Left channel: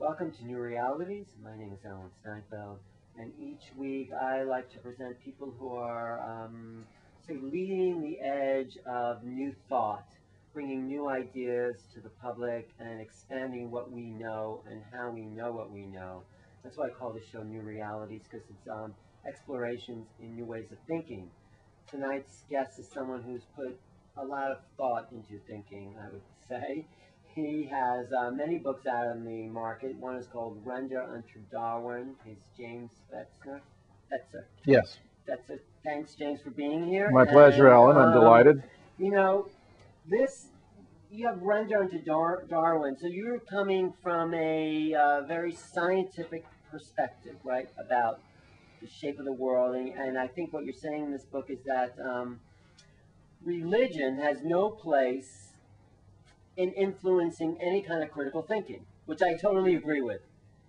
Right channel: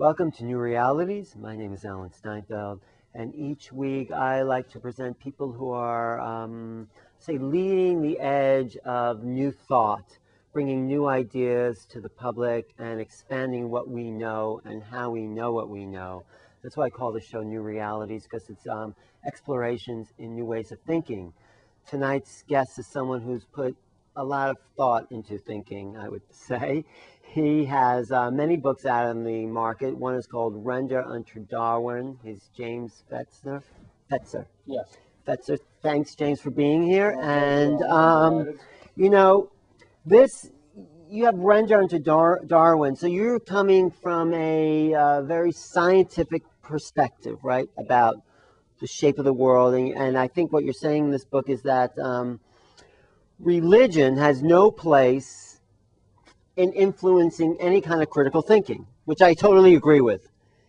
Welcome to New Realities. My name is Alan Steinfeld, and each week I like to present people who are, say, leading the edge of new thought, bringing new ideas to the public and expanding what we know and how we know what we know. That's why I call the show New Realities, because it's explorations in new ways of thinking. Tonight's guest is someone who's put a lot of thought into thinking, I would say. He has many books out on the market. One is called Unto Darwin. He's James Fetzer. Yes. Fetzer. Thanks, James, for being here. My pleasure, Alan. I'm delighted. You know, you have Unto Darwin, so you're coming from a very scientific perspective, right, about the shape of the world. And I think what you're saying in this book is that religion has no place in influencing any kind of critical thinking, which I totally agree with.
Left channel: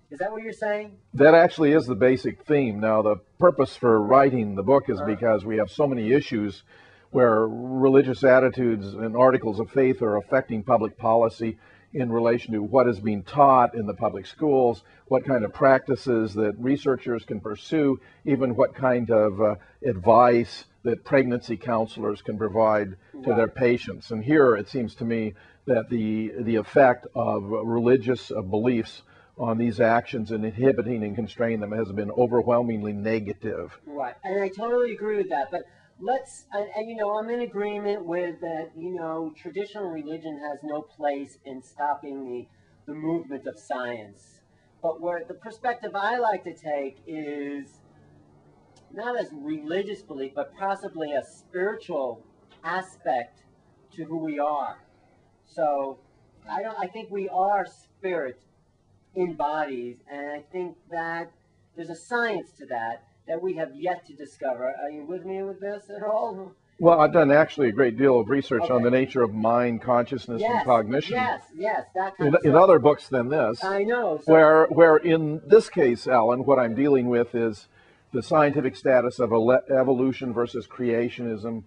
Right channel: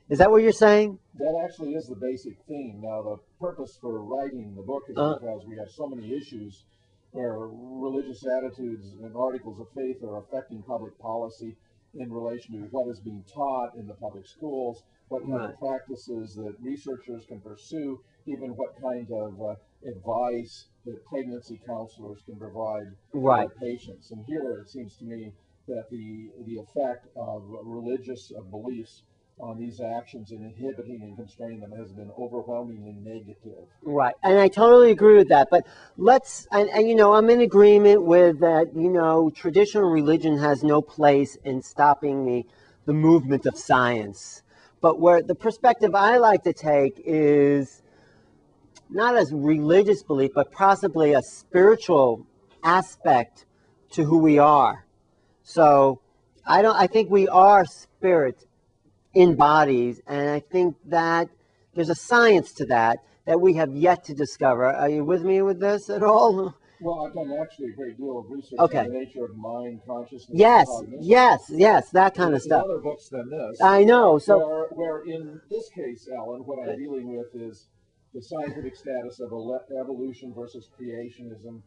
Is that what you're saying? That actually is the basic theme. Now, the purpose for writing the book is because we have so many issues where religious attitudes and articles of faith are affecting public policy in relation to what is being taught in the public schools, what kind of practices that researchers can pursue, even what kind of advice that pregnancy counselors can provide to their patients. And here it seems to me that the effect of religious beliefs on these actions and inhibiting and constraining them has been overwhelmingly negative. Right, and I totally agree with that. But and you know, I'm in agreement with that. You know, traditional religion has no place in stopping the movement of science. But where the perspective I like to take is not as religious belief, but possibly a spiritual aspect to who we are. So I think we are spirit in bodies, and I think that there's a science to that we have yet to discover. Are you with me with this at all? Well, I've done actually a great deal of research on the nature of mind, consciousness, and cognition. Yes, that kind of stuff. In other books than this. I know. So where in this case, Alan, what I'm dealing with is the scientific status of evolution versus creationism,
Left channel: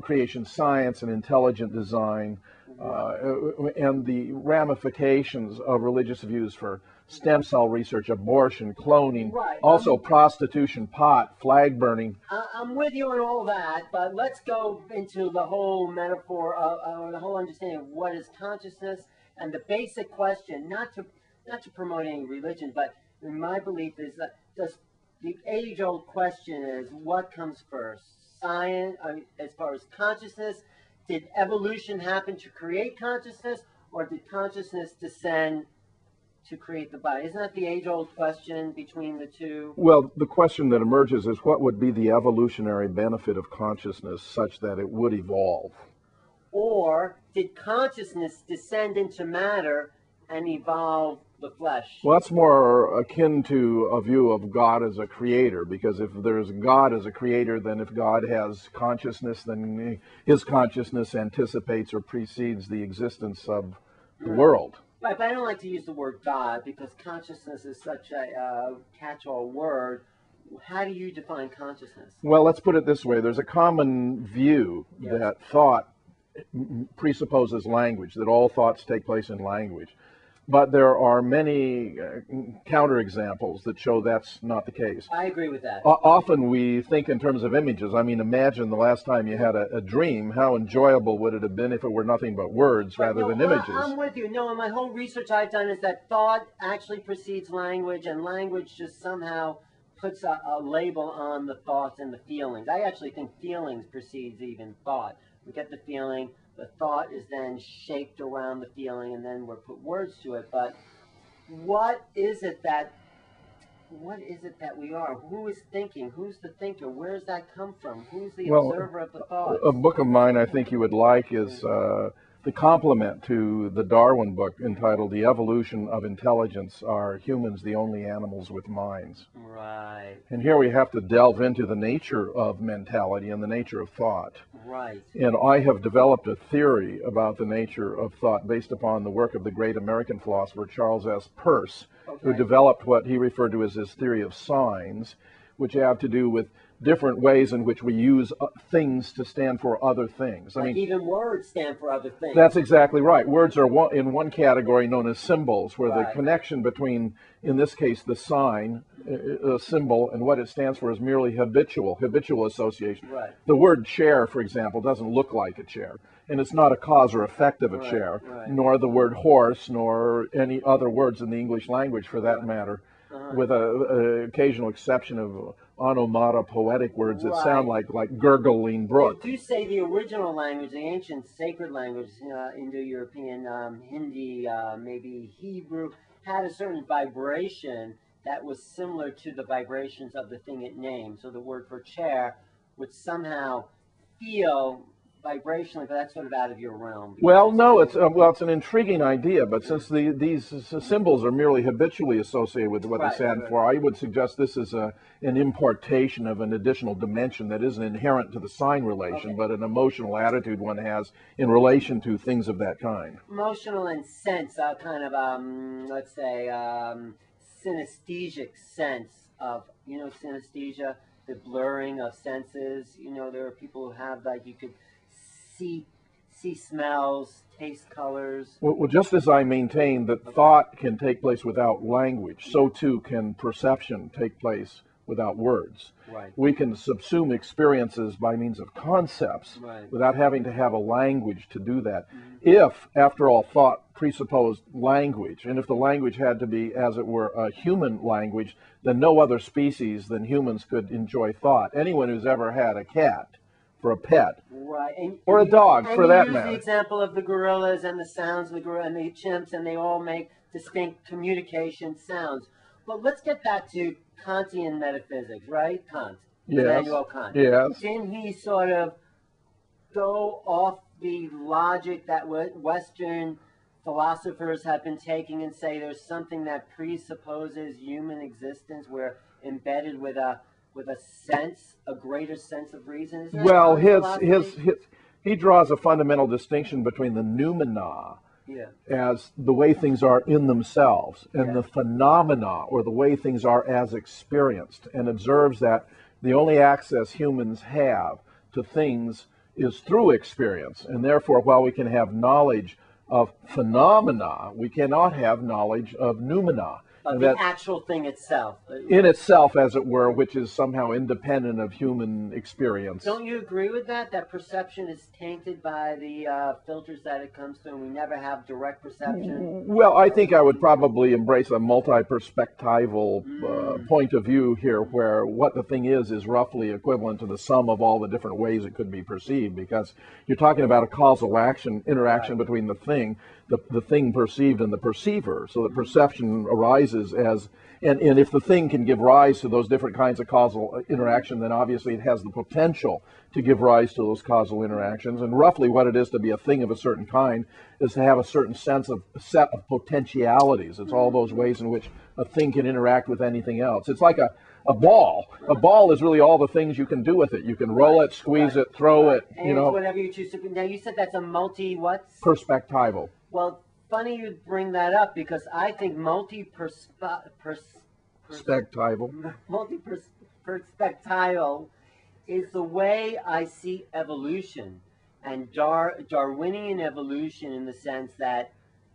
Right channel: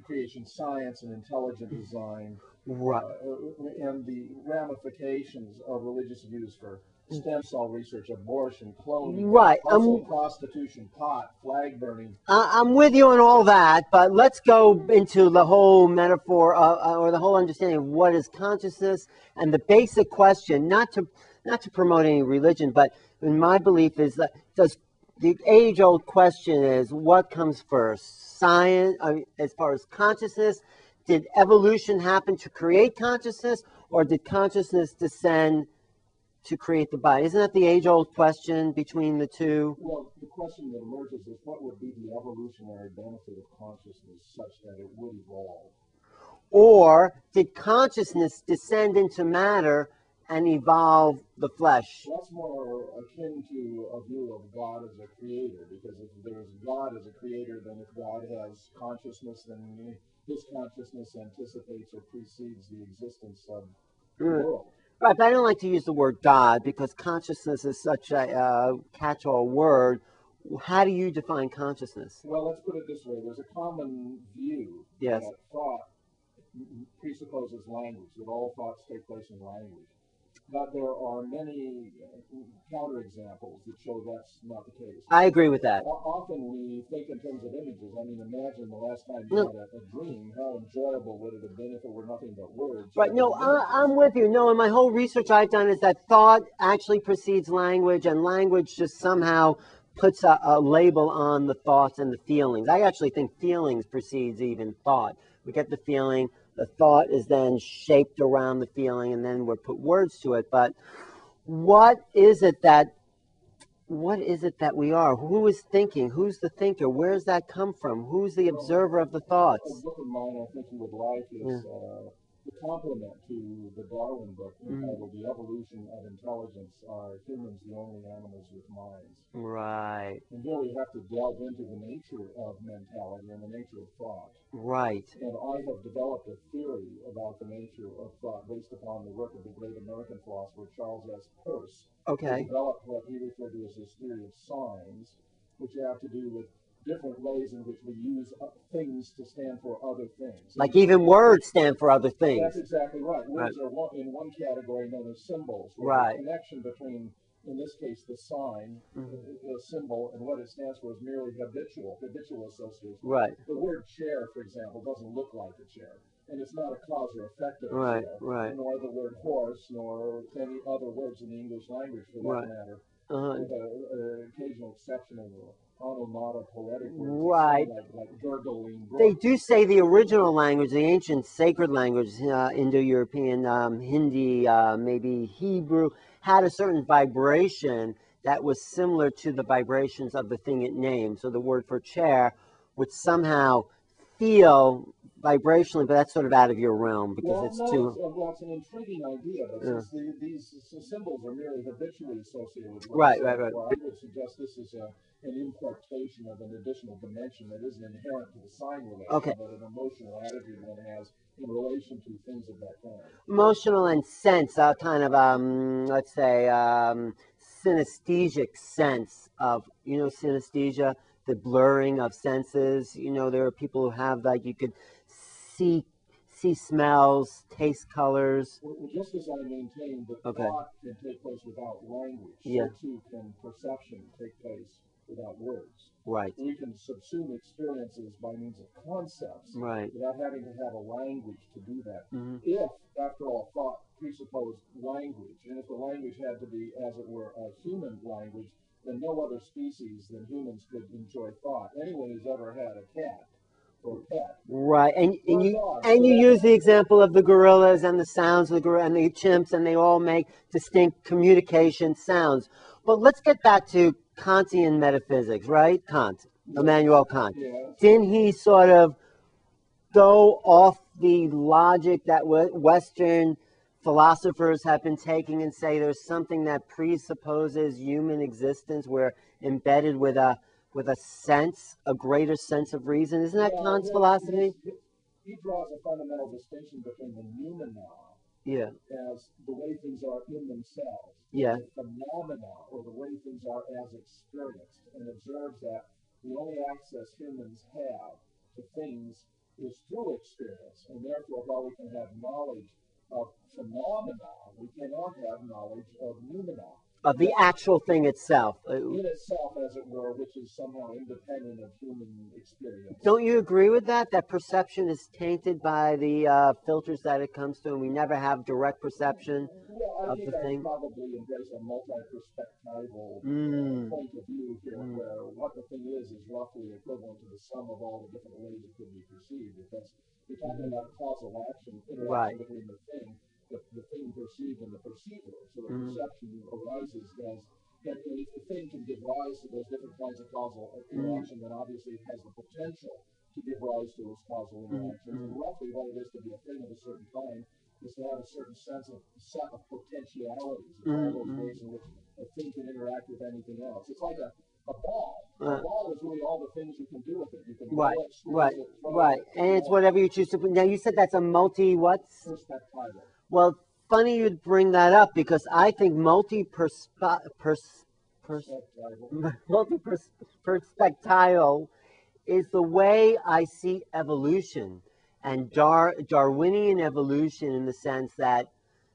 creation science and intelligent design, and the ramifications of religious views for stem cell research, abortion, cloning, also prostitution, pot, flag burning. I'm with you on all that, but let's go into the whole metaphor or the whole understanding of what is consciousness, and the basic question, not to promote any religion, but in my belief is that the age-old question is, what comes first? Science, as far as consciousness, did evolution happen to create consciousness, or did consciousness descend to create the body? Isn't that the age-old question between the two? Well, the question that emerges is, what would be the evolutionary benefit of consciousness such that it would evolve? Or did consciousness descend into matter and evolve the flesh? Well, that's more akin to a view of God as a creator, because if there's God as a creator, then if God has consciousness, then his consciousness anticipates or precedes the existence of the world. Right, but I don't like to use the word God because consciousness is such a catch-all word. How do you define consciousness? Well, let's put it this way. There's a common view that thought presupposes language, that all thoughts take place in language. But there are many counterexamples that show that's not the case. I agree with that. Often we think in terms of images. I mean, imagine the last time you had a dream. How enjoyable would it have been if it were nothing but words rather than images? I'm with you. No, and my whole research I've done is that thought actually precedes language, and language just somehow puts a label on the thoughts and the feelings. I actually think feelings precedes even thought. We get the feeling, the thought is then shaped around the feeling, and then we put words to it. But what is it that we are? Who is thinking? Who's the thinker? Where does that come from? Who's the observer of the thoughts? A book of mine I think you would like is the complement to the Darwin book entitled The Evolution of Intelligence. Are Humans the Only Animals with Minds? Right. And here we have to delve into the nature of mentality and the nature of thought. Right. And I have developed a theory about the nature of thought based upon the work of the great American philosopher Charles S. Peirce, who developed what he referred to as his theory of signs, which have to do with different ways in which we use things to stand for other things. Like even words stand for other things. That's exactly right. Words are in one category known as symbols, where the connection between, in this case, the sign, symbol, and what it stands for is merely habitual association. Right. The word chair, for example, doesn't look like a chair, and it's not a cause or effect of a chair, nor the word horse, nor any other words in the English language for that matter, with an occasional exception of onomatopoetic words that sound like gurgling brook. They do say the original language, the ancient sacred language, Indo-European, Hindi, maybe Hebrew, had a certain vibration that was similar to the vibrations of the thing it named. So the word for chair would somehow feel vibrationally, but that's sort of out of your realm. Well, no, it's an intriguing idea, but since these symbols are merely habitually associated with what they stand for, I would suggest this is an importation of an additional dimension that isn't inherent to the sign relation, but an emotional attitude one has in relation to things of that kind. Emotional and sense, kind of, let's say, synesthesic sense of, synesthesia, the blurring of senses. There are people who have, like, you could see smells, taste colors. Well, just as I maintain that thought can take place without language, so too can perception take place without words. Right. We can subsume experiences by means of concepts without having to have a language to do that. If, after all, thought presupposed language, and if the language had to be, as it were, a human language, then no other species than humans could enjoy thought. Anyone who's ever had a cat for a pet, or a dog, for that matter. And you use the example of the gorillas and the sounds of the gorilla and the chimps, and they all make distinct communication sounds. But let's get back to Kantian metaphysics, right? Kant, Immanuel Kant. Yes. Didn't he sort of go off the logic that Western philosophers have been taking and say there's something that presupposes human existence? We're embedded with a sense, a greater sense of reason. Isn't that Kant's philosophy? He draws a fundamental distinction between the noumena, as the way things are in themselves, and the phenomena, or the way things are as experienced, and observes that the only access humans have to things is through experience, and therefore while we can have knowledge of phenomena, we cannot have knowledge of noumena. Of the actual thing itself. In itself, as it were, which is somehow independent of human experience. Don't you agree with that? That perception is tainted by the filters that it comes through, and we never have direct perception? Well, I think I would probably embrace a multi-perspectival point of view here, where what the thing is roughly equivalent to the sum of all the different ways it could be perceived, because you're talking about a causal interaction between the thing perceived and the perceiver. So the perception arises as, and if the thing can give rise to those different kinds of causal interaction, then obviously it has the potential to give rise to those causal interactions. And roughly what it is to be a thing of a certain kind is to have a certain set of potentialities. It's all those ways in which a thing can interact with anything else. It's like a ball. A ball is really all the things you can do with it. You can roll it, squeeze it, throw it. And it's whatever you choose to. Now you said that's a multi-what? Perspectival. Well, funny you'd bring that up, because I think multi-perspectival is the way I see evolution, and Darwinian evolution, in the sense that,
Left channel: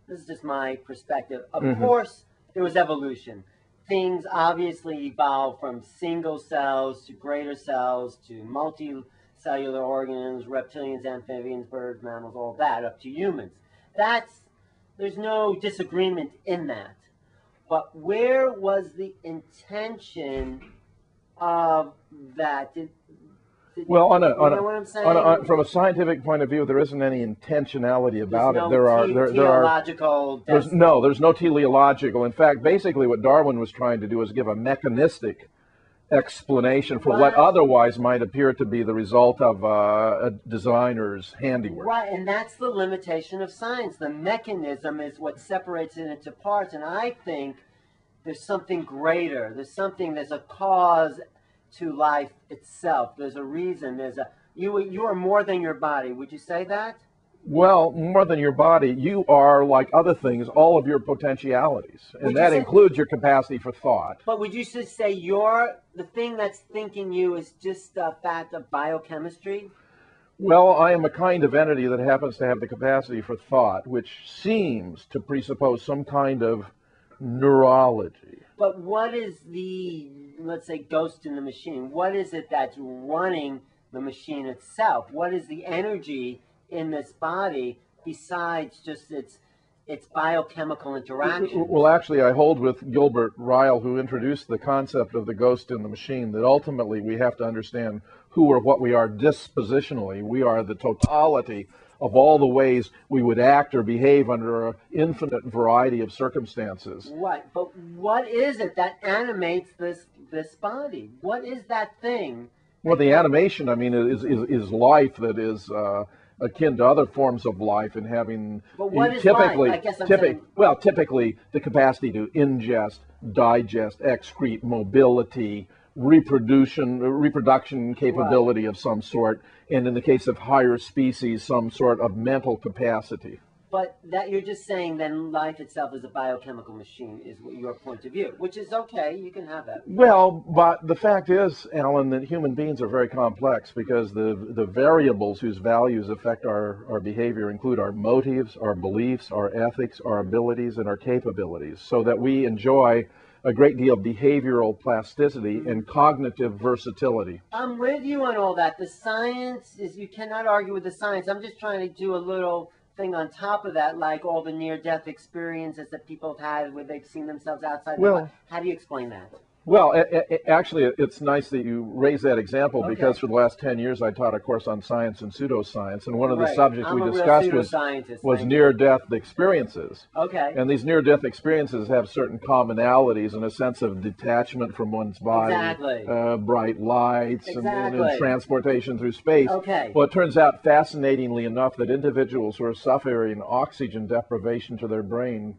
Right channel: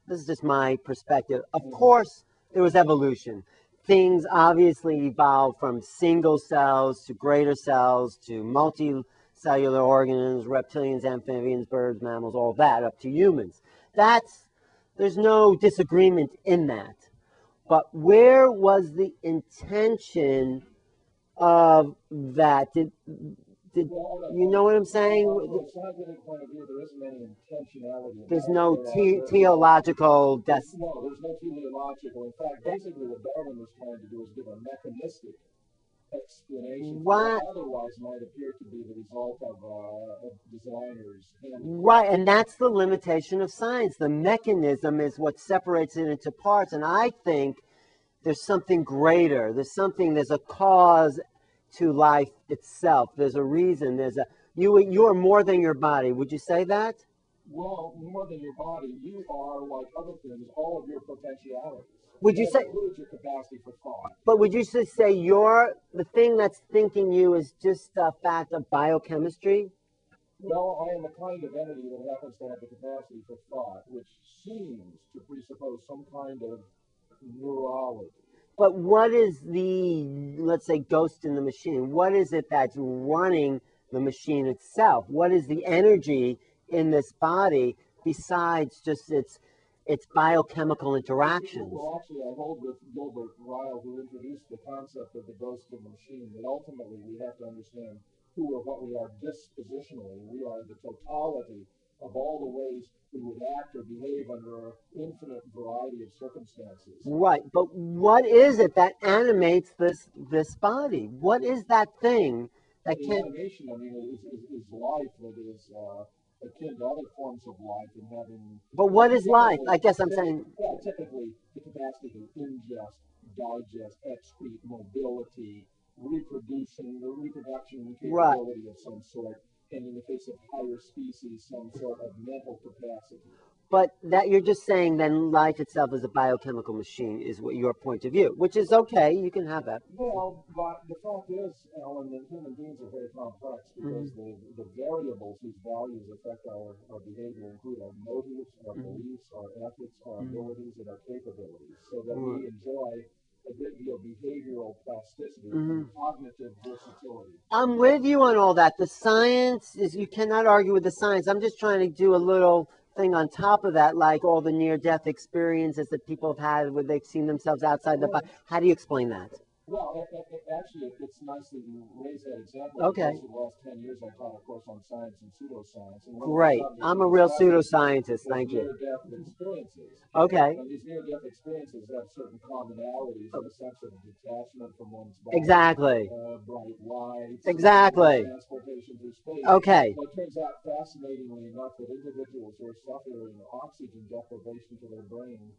this is just my perspective, of course there was evolution. Things obviously evolved from single cells to greater cells to multicellular organisms, reptilians, amphibians, birds, mammals, all that, up to humans. There's no disagreement in that. But where was the intention of that? Well, you know what I'm saying? From a scientific point of view, there isn't any intentionality about it. There's no teleological. In fact, basically what Darwin was trying to do is give a mechanistic explanation for what otherwise might appear to be the result of a designer's handiwork. Right, and that's the limitation of science. The mechanism is what separates it into parts, and I think there's something greater. There's a cause to life itself. There's a reason. You are more than your body. Would you say that? Well, more than your body, you are, like other things, all of your potentialities. And Would you that say- includes your capacity for thought. But would you just say the thing that's thinking you is just a fact of biochemistry? Well, I am a kind of entity that happens to have the capacity for thought, which seems to presuppose some kind of neurology. But what is the, let's say, ghost in the machine? What is it that's running the machine itself? What is the energy in this body besides just its biochemical interaction? Well, actually, I hold with Gilbert Ryle, who introduced the concept of the ghost in the machine, that ultimately we have to understand who or what we are dispositionally. We are the totality of all the ways we would act or behave under an infinite variety of circumstances. Right, but what is it that animates this body? What is that thing? Well, the animation, I mean, is life that is akin to other forms of life and having. But what is life? I guess I'm saying. Well, typically the capacity to ingest, digest, excrete, mobility, reproduction capability of some sort, and in the case of higher species, some sort of mental capacity. But that you're just saying then life itself is a biochemical machine is what your point of view, which is okay, you can have that. Well, but the fact is, Alan, that human beings are very complex because the variables whose values affect our behavior include our motives, our beliefs, our ethics, our abilities, and our capabilities, so that we enjoy a great deal of behavioral plasticity and cognitive versatility. I'm with you on all that. The science is, you cannot argue with the science. I'm just trying to do a little thing on top of that, like all the near-death experiences that people have had where they've seen themselves outside the body. How do you explain that? Well, actually, it's nice that you raise that example because for the last 10 years I taught a course on science and pseudoscience, and one of the subjects we discussed was near-death experiences. Okay. And these near-death experiences have certain commonalities and a sense of detachment from one's body. Exactly. Bright lights. Exactly. And transportation through space. Okay. Well, it turns out, fascinatingly enough, that individuals who are suffering oxygen deprivation to their brain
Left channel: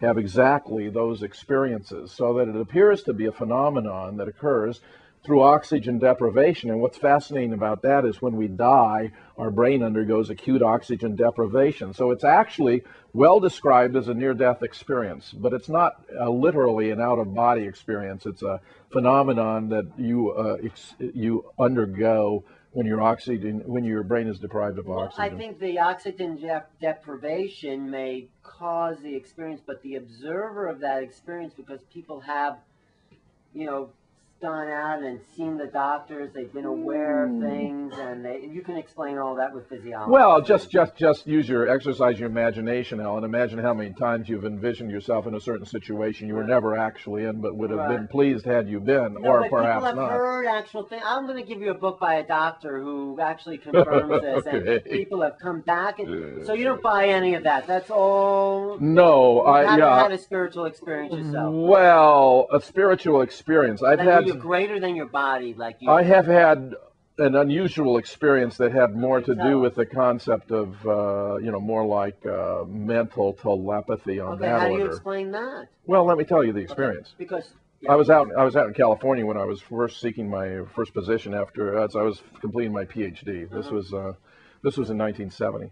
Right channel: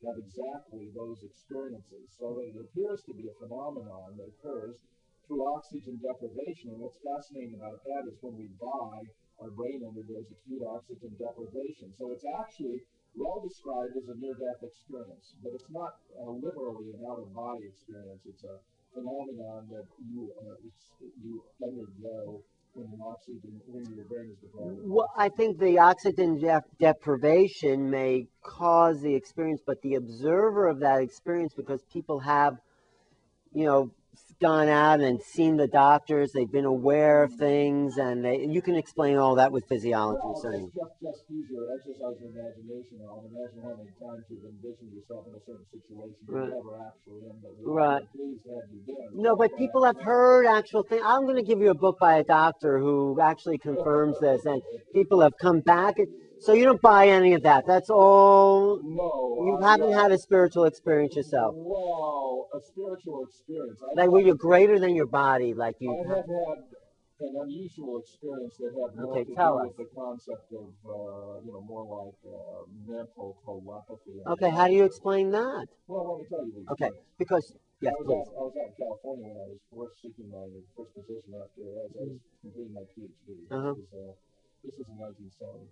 have exactly those experiences, so that it appears to be a phenomenon that occurs through oxygen deprivation. And what's fascinating about that is when we die, our brain undergoes acute oxygen deprivation. So it's actually well described as a near-death experience, but it's not literally an out-of-body experience. It's a phenomenon that you undergo when your brain is deprived of oxygen. I think the oxygen deprivation may cause the experience, but the observer of that experience, because people have, gone out and seen the doctors, they've been aware of things, and you can explain all that with physiology. Well, just exercise your imagination, Alan. Imagine how many times you've envisioned yourself in a certain situation you were never actually in, but would have been pleased had you been, or but perhaps people have heard actual things. I'm going to give you a book by a doctor who actually confirms this, and people have come back. So you don't buy any of that. That's all. No, you haven't had a spiritual experience yourself. Well, a spiritual experience. You're greater than your body, like you. I have had an unusual experience that had more to do with the concept of, more like mental telepathy on that order. How do you explain that? Well, let me tell you the experience. Because I was out in California when I was first seeking my first position as I was completing my PhD. This was in 1970,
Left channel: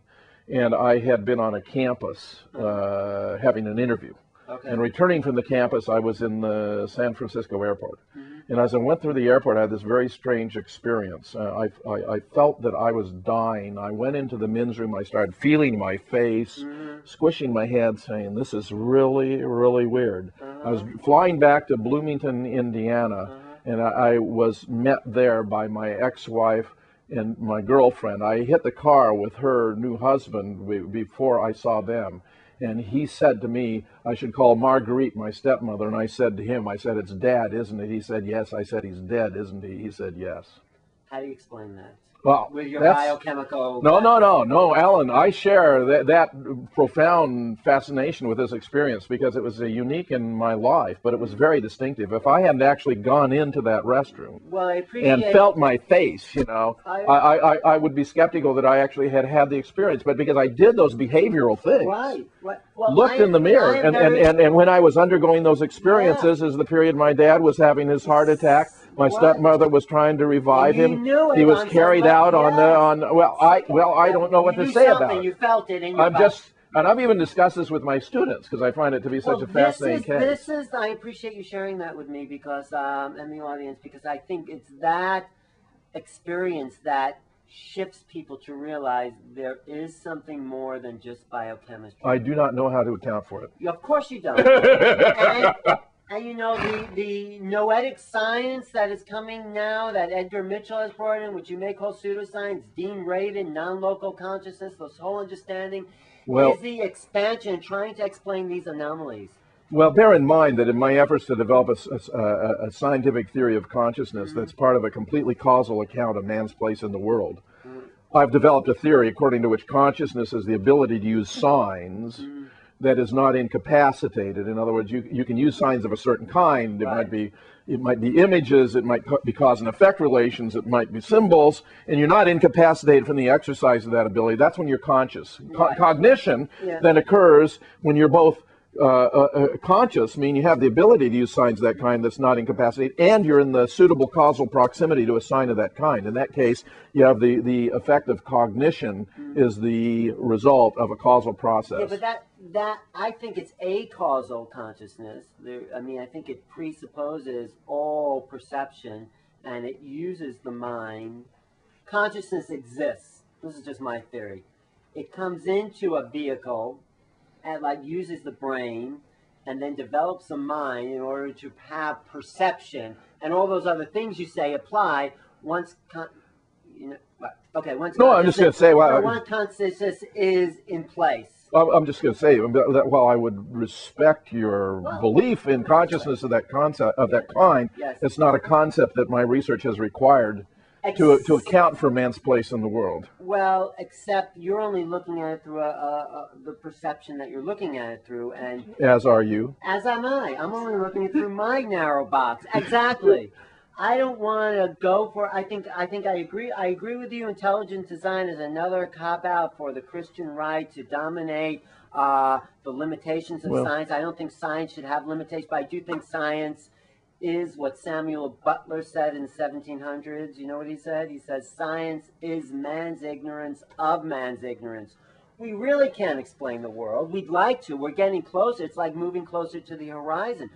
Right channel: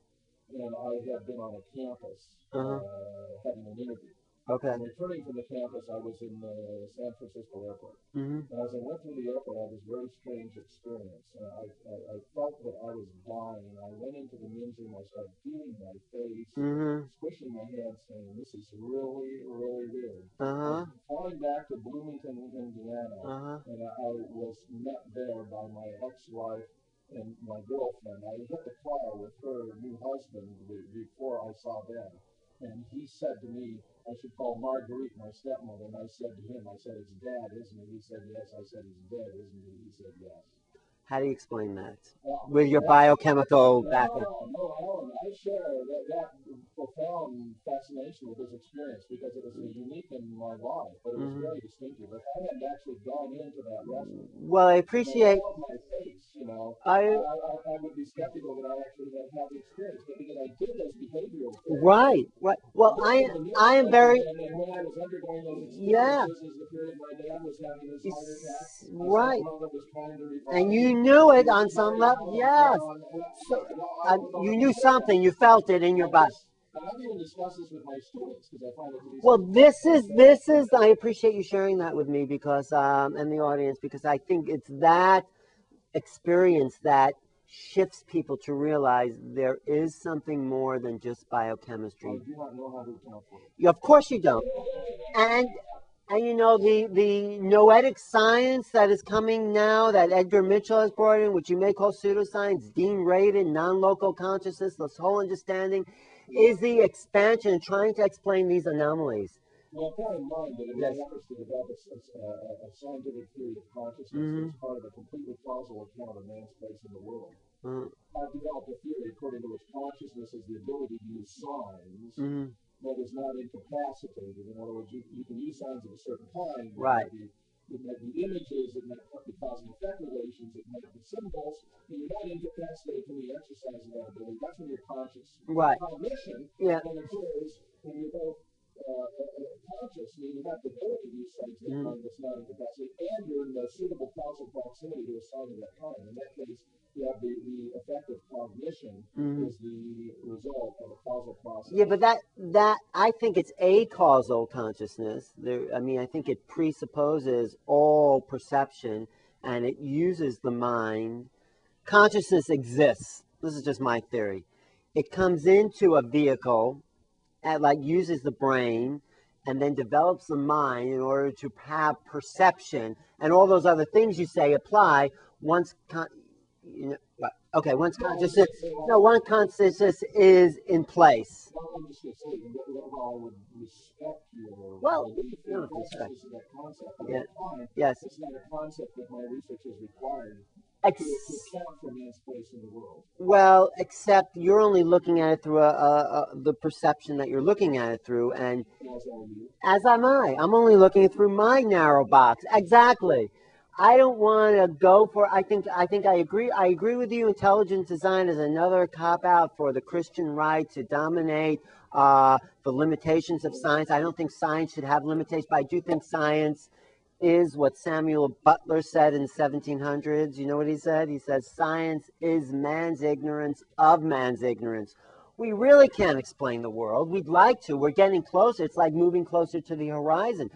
and I had been on a campus having an interview. Okay. And returning from the campus, I was in the San Francisco airport. And as I went through the airport, I had this very strange experience. I felt that I was dying. I went into the men's room. I started feeling my face, squishing my head, saying, this is really, really weird. I was flying back to Bloomington, Indiana, and I was met there by my ex-wife and my girlfriend. I hit the car with her new husband before I saw them. And he said to me, I should call Marguerite, my stepmother. And I said to him, it's Dad, isn't it? He said, yes. I said, he's dead, isn't he? He said, yes. How do you explain that? Well, with your biochemical... No, Alan, I share that profound fascination with this experience because it was unique in my life, but it was very distinctive. If I hadn't actually gone into that restroom and felt my face, I would be skeptical that I actually had the experience. But because I did those behavioral things, well, looked in the mirror, and when I was undergoing those experiences is the period my dad was having his heart attack, My stepmother was trying to revive and you him. knew it He was on carried some out yes. on the I don't know what to say about it. You felt it in your body. And I've even discussed this with my students because I find it to be Well, such a fascinating case. I appreciate you sharing that with me because, and the audience, because I think it's that experience that shifts people to realize there is something more than just biochemistry. I do not know how to account for it. Of course you don't. And you know, the noetic science that is coming now that Edgar Mitchell has brought in, which you may call pseudoscience, Dean Radin, non-local consciousness, this whole understanding, is the expansion and trying to explain these anomalies. Well, bear in mind that in my efforts to develop a scientific theory of consciousness that's part of a completely causal account of man's place in the world, I've developed a theory according to which consciousness is the ability to use signs that is not incapacitated. In other words, you can use signs of a certain kind. It might be images, it might be cause and effect relations, it might be symbols, and you're not incapacitated from the exercise of that ability. That's when you're conscious. Cognition then occurs when you're both conscious, meaning you have the ability to use signs of that kind that's not incapacitated, and you're in the suitable causal proximity to a sign of that kind. In that case, you have the effect of cognition is the result of a causal process. Yeah, but that I think it's a causal consciousness. I mean, I think it presupposes all perception, and it uses the mind. Consciousness exists. This is just my theory. It comes into a vehicle and uses the brain and then develops a mind in order to have perception and all those other things you say apply once once consciousness is in place. I'm just going to say that while I would respect your belief in consciousness of that concept that kind, it's not a concept that my research has required to account for man's place in the world. Well, except you're only looking at it through the perception that you're looking at it through, and as are you. As am I. I'm only looking through my narrow box. Exactly. I don't want to go for. I think I agree. I agree with you. Intelligent design is another cop out for the Christian right to dominate the limitations of science. I don't think science should have limitations, but I do think science is what Samuel Butler said in the 1700s. You know what he said? He says, science is man's ignorance of man's ignorance. We really can't explain the world. We'd like to. We're getting closer. It's like moving closer to the horizon.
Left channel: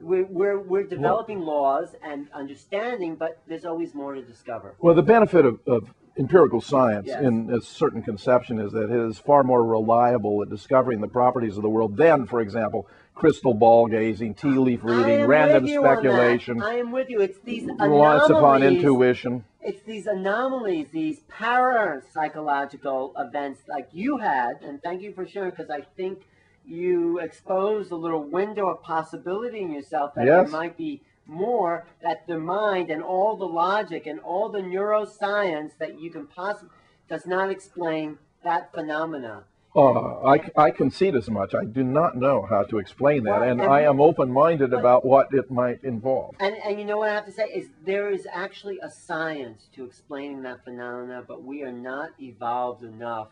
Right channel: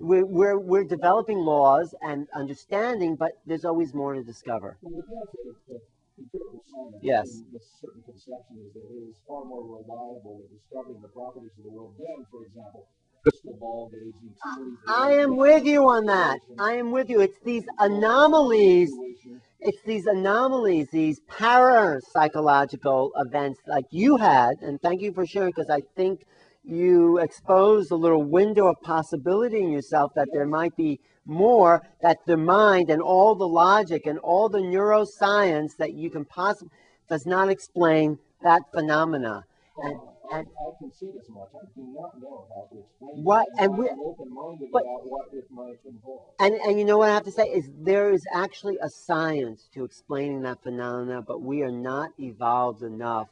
We're developing laws and understanding, but there's always more to discover. Well, the benefit of empirical science in a certain conception is that it is far more reliable at discovering the properties of the world than, for example, crystal ball gazing, tea leaf reading, random speculation. I am with you. It's these reliance upon anomalies. Intuition. It's these anomalies, these parapsychological events like you had, and thank you for sharing, because I think you exposed a little window of possibility in yourself that there might be more, that the mind and all the logic and all the neuroscience that you can possibly does not explain that phenomena. I concede as much. I do not know how to explain that, and I am open-minded about what it might involve. And you know what I have to say is there is actually a science to explaining that phenomena, but we are not evolved enough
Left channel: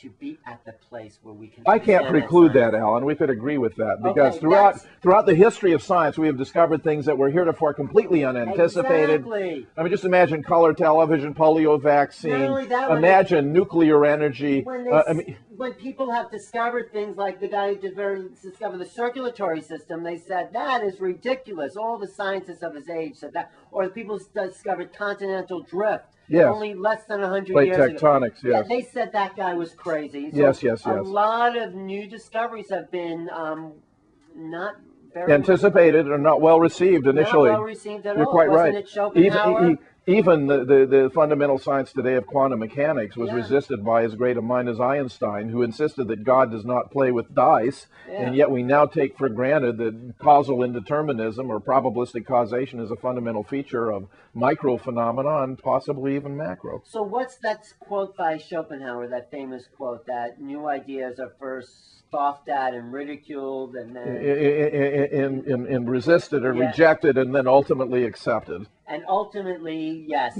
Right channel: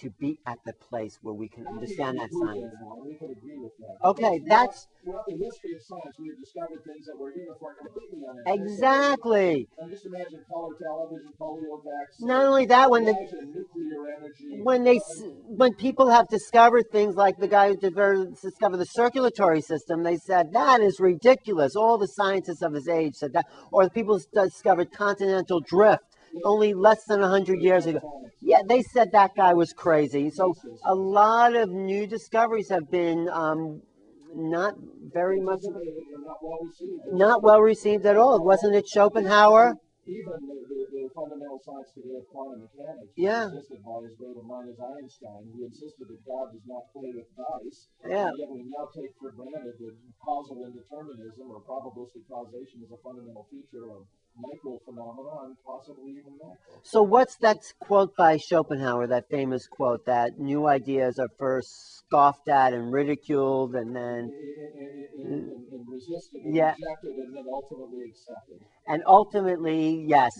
to be at the place where we can. I can't preclude that, Alan. We could agree with that, because throughout the history of science, we have discovered things that were heretofore completely unanticipated. Exactly. I mean, just imagine color television, polio vaccine. Not only that, imagine nuclear energy. When people have discovered things like the guy who discovered the circulatory system, they said that is ridiculous. All the scientists of his age said that, or the people who discovered continental drift. Yes. Only less than 100 years ago. Tectonics, yes. Yeah, they said that guy was crazy. So yes. A lot of new discoveries have been not very anticipated or not well received initially. Not well received at all. Wasn't it Schopenhauer? Even the fundamental science today of quantum mechanics was resisted by as great a mind as Einstein, who insisted that God does not play with dice, and yet we now take for granted that causal indeterminism or probabilistic causation is a fundamental feature of micro phenomena and possibly even macro. So what's that quote by Schopenhauer, that famous quote, that new ideas are first scoffed at and ridiculed and then... and resisted or rejected and then ultimately accepted. And ultimately, not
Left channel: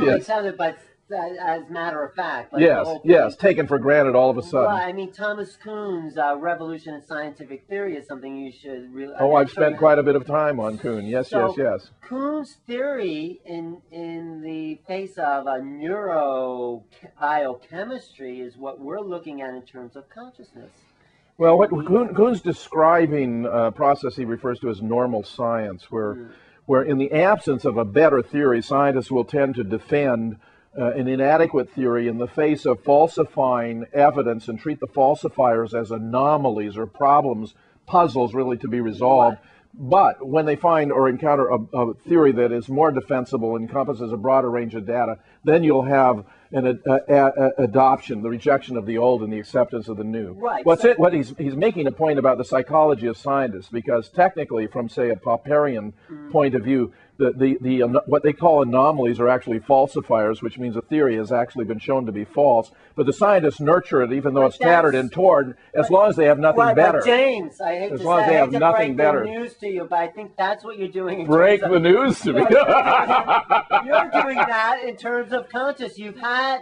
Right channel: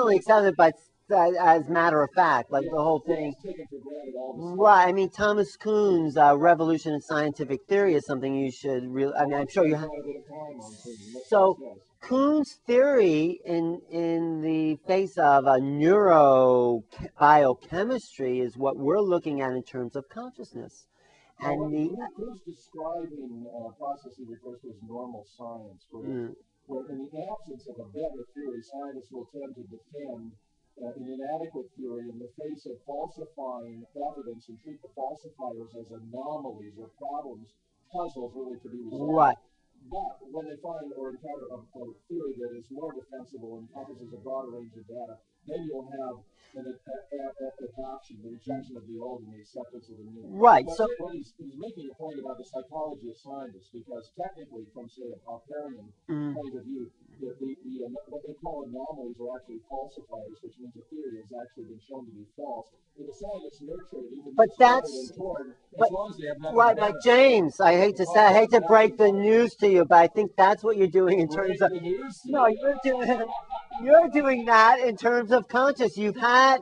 only accepted, but as matter of fact, like the Yes, whole thing. yes, taken for granted all of a sudden. Right. I mean, Thomas Kuhn's Revolution in Scientific Theory is something you should really. Oh, I'm I've sure spent quite a bit of time on Kuhn. Yes, so, yes. Kuhn's theory in the face of a neurobiochemistry is what we're looking at in terms of consciousness. Well, what Kuhn's describing process he refers to as normal science, where in the absence of a better theory, scientists will tend to defend an inadequate theory in the face of falsifying evidence and treat the falsifiers as anomalies or problems, puzzles really to be resolved. Right. But when they find or encounter a theory that is more defensible, encompasses a broader range of data, then you'll have an adoption, the rejection of the old and the acceptance of the new. Right. What he's making a point about the psychology of scientists, because technically, from say a Popperian point of view, what they call anomalies are actually falsifiers, which means a theory has actually been shown to be false. But the scientists nurture it, even though it's tattered and torn, as long as they have nothing better. But James, I hate to break the news to you, but I think that's what you're doing. Break the news to me. You're doing that in terms of consciousness.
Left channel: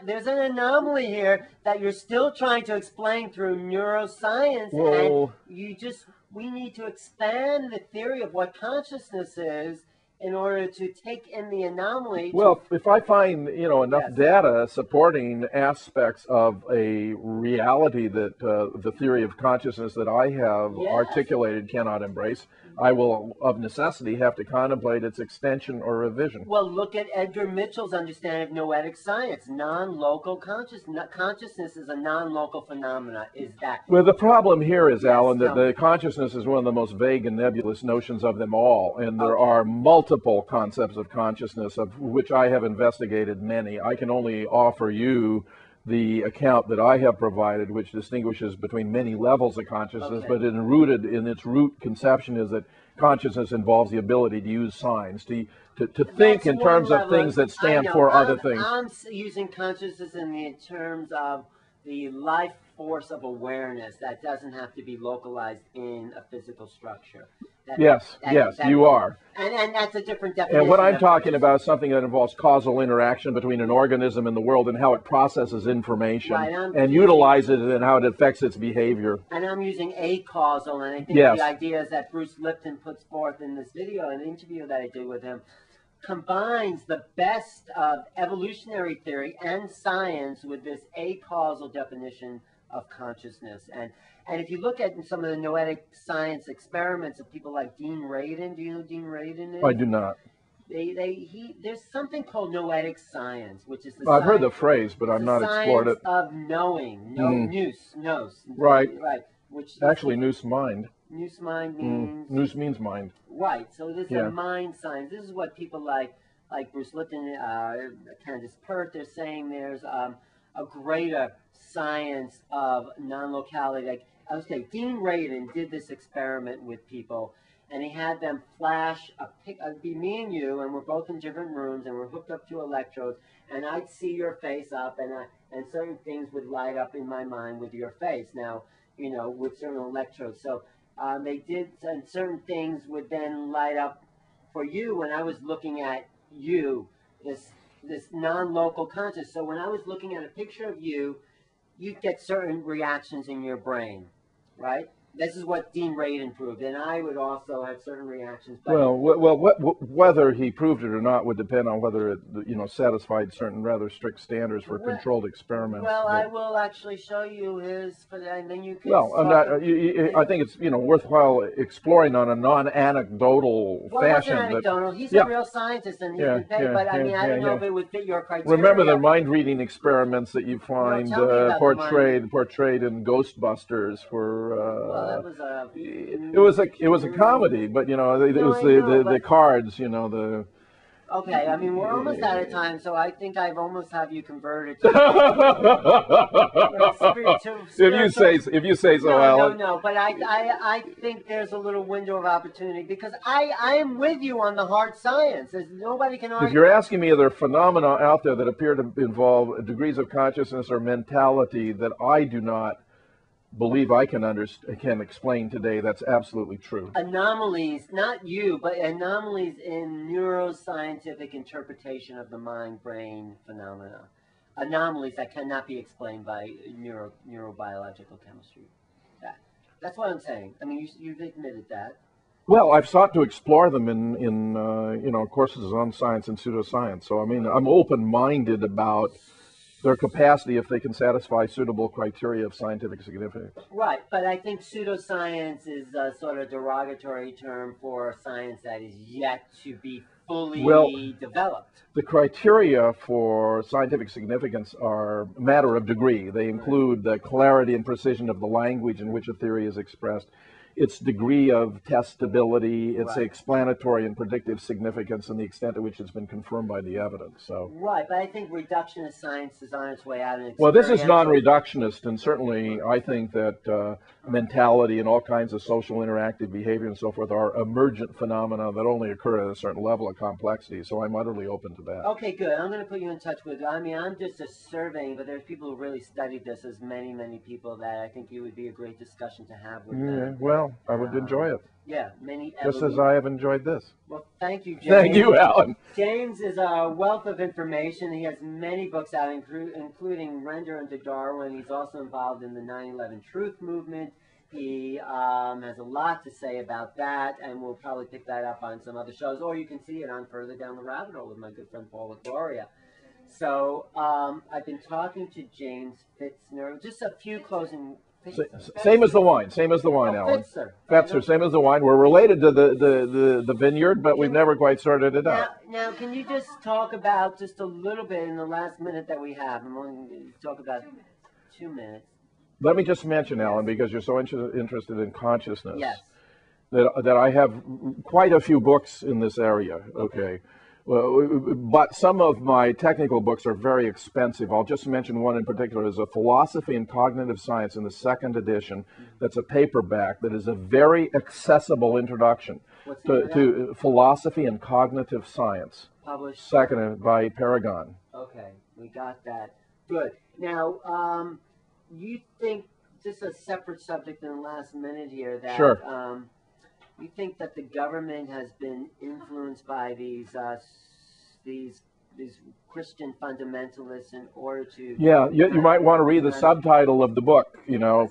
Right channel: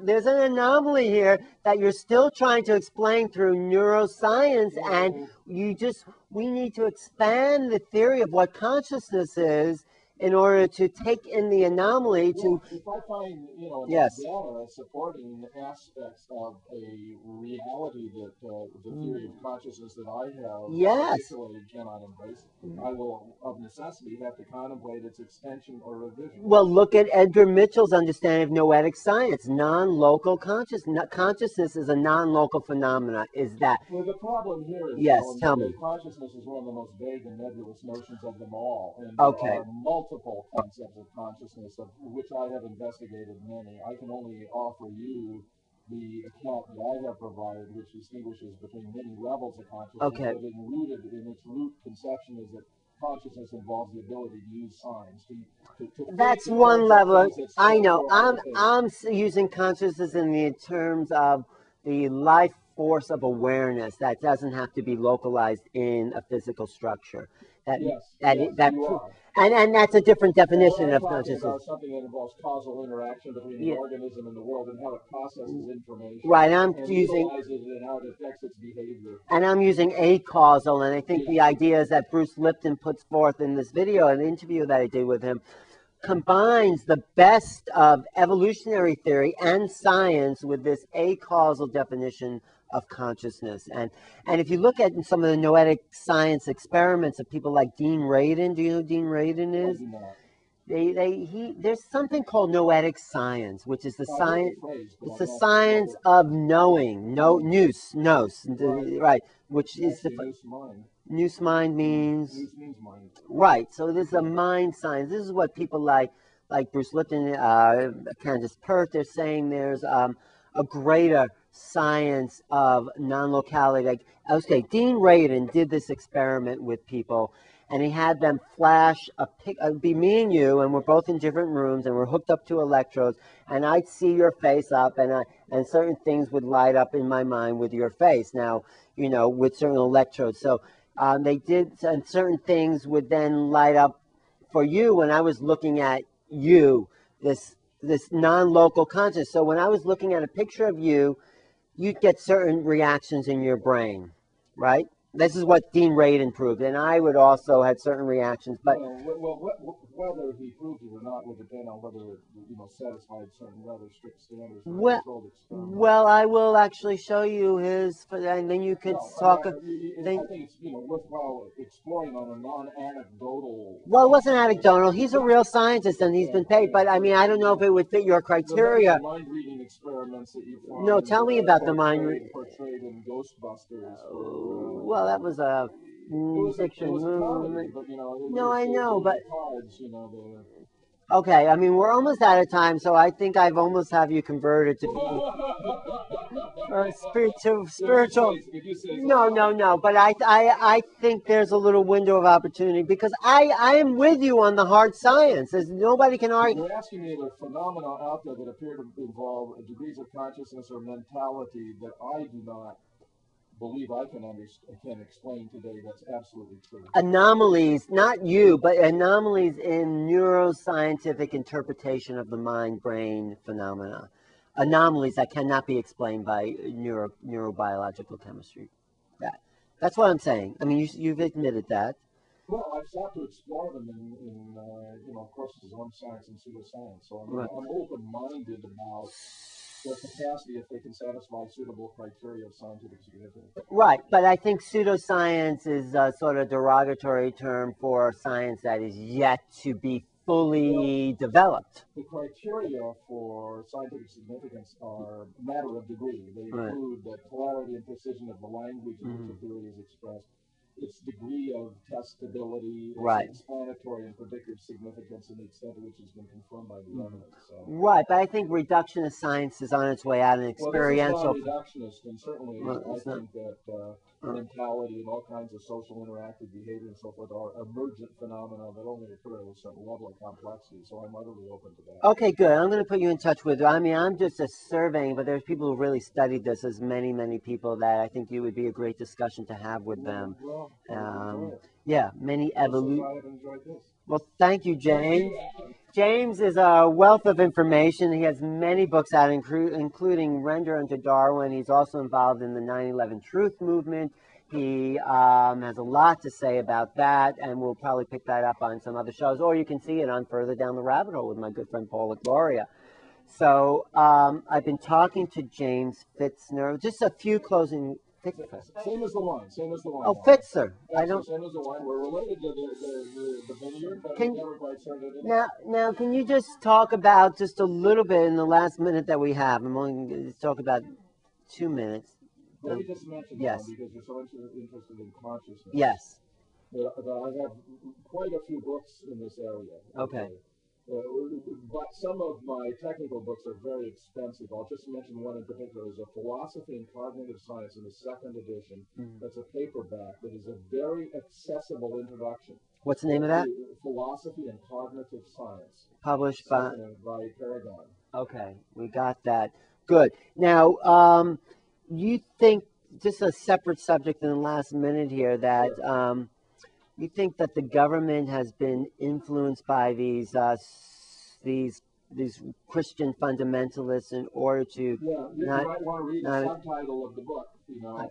There's an anomaly here that you're still trying to explain through neuroscience, and we need to expand the theory of what consciousness is in order to take in the anomaly. Well, if I find enough data supporting aspects of a reality that the theory of consciousness that I have articulated cannot embrace, I will of necessity have to contemplate its extension or revision. Well, look at Edgar Mitchell's understanding of noetic science. Non-local consciousness is a non-local phenomena. Is that? Well, the problem here is, Alan, that the consciousness is one of the most vague and nebulous notions of them all, and there are multiple concepts of consciousness, of which I have investigated many. I can only offer you the account that I have provided, which distinguishes between many levels of consciousness, but rooted in its root conception is that consciousness involves the ability to use signs, to think in terms of things that stand for other things. I'm using consciousness in the terms of the life force of awareness that doesn't have to be localized in a physical structure. Yes, you are. And that's a different definition. And what I'm talking about is something that involves causal interaction between an organism and the world and how it processes information and utilizes it and how it affects its behavior. And I'm using acausal, and I think the ideas that Bruce Lipton puts forth in this video, an interview that I did with him, combines the best of evolutionary theory and science with this acausal definition of consciousness. And if you look at some of the noetic science experiments of people like Dean Radin, do you know who Dean Radin is? I do not. There's something called noetic science, which is the science. I've heard the phrase, but I'm not explored it. The science of knowing, nous. Right. Which actually nous mind. Nous mind means. Nous means mind. Right. So this is a mind science. This is what people like Bruce Lipton, Candace Pert, they're saying there's a greater science of non-locality. Dean Radin did this experiment with people, and he had them flash be me and you, and we're both in different rooms, and we're hooked up to electrodes, and I'd see your face up, and certain things would light up in my mind with your face. Now, with certain electrodes. So they did, and certain things would then light up for you when I was looking at you, this non-local conscious. So when I was looking at a picture of you, you'd get certain reactions in your brain, right? This is what Dean Radin proved, and I would also have certain reactions. But whether he proved it or not would depend on whether it, satisfied certain rather strict standards for controlled experiments. Well, I will actually show you his, and then you can. I think it's worthwhile exploring on a non-anecdotal. Well, it wasn't anecdotal. He's a real scientist, and he's been paid. But I mean, I don't know if it would fit your criteria. Remember the mind-reading experiments that you find portrayed in Ghostbusters for. That was a. It was a comedy, but it was the cards, the. Okay, I mean we're almost out of time, so I think I've almost have you converted to. If you say so. Alan. No. But I think there's a little window of opportunity because I am with you on the hard science. Nobody can argue. If you're asking me, are there phenomena out there that appear to involve degrees of consciousness or mentality that I do not believe I can explain today, that's absolutely true. Anomalies, not you, but anomalies in neuroscientific interpretation of the mind-brain phenomena. anomalies that cannot be explained by neurobiological chemistry. That's what I'm saying. I mean, you've admitted that. Well, I've sought to explore them in courses on science and pseudoscience. So I mean, I'm open-minded about their capacity if they can satisfy suitable criteria of scientific significance. Right, but I think pseudoscience is a sort of derogatory term for science that is yet to be fully developed. The criteria for scientific significance are a matter of degree. They include the clarity and precision of the language in which a theory is expressed, its degree of testability, its explanatory and predictive significance, and the extent to which it's been confirmed by the evidence. So right, but I think reductionist science is on its way out. Well, this is non-reductionist, and certainly I think that mentality and all kinds of social interactive behavior and so forth are emergent phenomena that only occur at a certain level of complexity. So I'm utterly open to that. Okay, good. I'm going to put you in touch with. I mean, I'm just a surveying, but there's people who really studied this. As many people that I think you would be a great discussion to have with them. Well, I would enjoy it. Yeah, many just as I have enjoyed this. Well, thank you, James. Thank you, Alan. James is a wealth of information. He has many books out, including Render Unto Darwin. He's also involved in the 9/11 Truth Movement. He has a lot to say about that, and we'll probably pick that up on some other shows, or you can see it on Further Down the Rabbit Hole with my good friend Paula Gloria. So I've been talking to James Fetzer. Just a few closing. Same as the wine. Same as the wine, Alan. Fetzer. Fetzer, same as the wine. We're related to the vineyard, but we've never quite sorted it out. Now, can you just talk about just a little bit in the last minute that we have? I'm only going to talk about 2 minutes. Let me just mention, Alan, because you're so interested in consciousness. Yes. That I have quite a few books in this area. Okay. Well, but some of my technical books are very expensive. I'll just mention one in particular. There's a Philosophy and Cognitive Science in the second edition. That's a paperback that is a very accessible introduction to philosophy and cognitive science. Published second by Paragon. Okay, we got that. Good. Now, you think, just a separate subject in the last minute here, that you think that the government has been influenced by these Christian fundamentalists in order to... Yeah, you might want to read the subtitle of the book,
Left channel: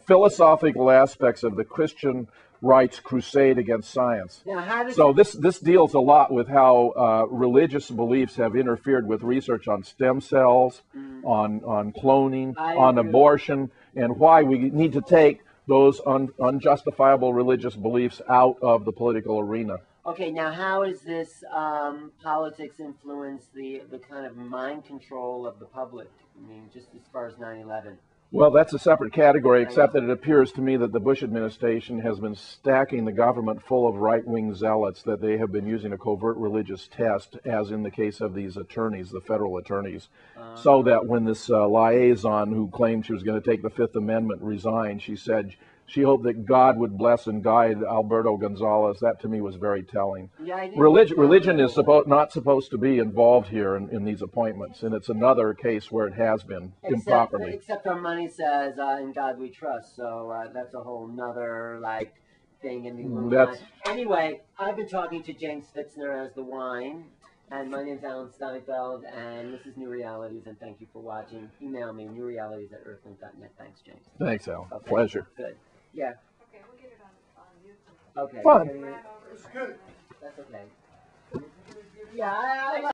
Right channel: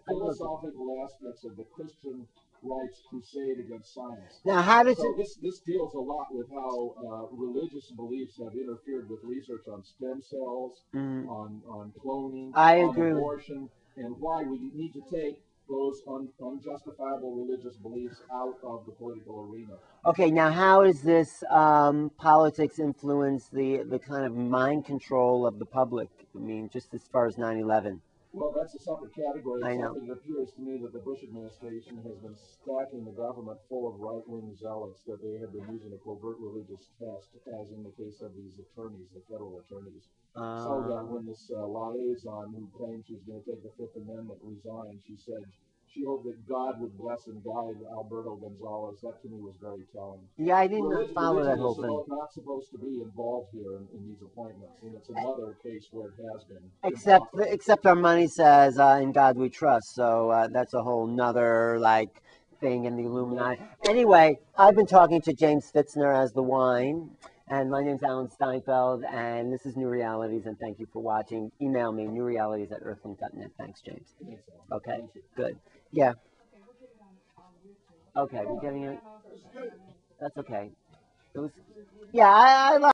Philosophical Aspects of the Christian Right's Crusade Against Science. Now, how does this deals a lot with how religious beliefs have interfered with research on stem cells, on cloning, on abortion, and why we need to take those unjustifiable religious beliefs out of the political arena. Okay, now how is this politics influence the kind of mind control of the public? I mean, just as far as 9/11. Well, that's a separate category, except that it appears to me that the Bush administration has been stacking the government full of right-wing zealots, that they have been using a covert religious test, as in the case of these attorneys, the federal attorneys, so that when this liaison who claimed she was going to take the Fifth Amendment resigned, she said she hoped that God would bless and guide Alberto Gonzalez. That to me was very telling. Yeah, religion is not supposed to be involved here in these appointments, and it's another case where it has been improperly. Except our money says, in God we trust, so that's a whole nother, thing in the Illuminati. Anyway, I've been talking to James Fetzer as the wine, and my name's Alan Steinfeld, and this is New Realities, and thank you for watching. Email me, newrealities@earthlink.net. Thanks, James. Thanks, Al. Okay. Pleasure. Good. Yeah. Okay, we'll get it on YouTube. Okay. Fun. That's okay. Yeah, I love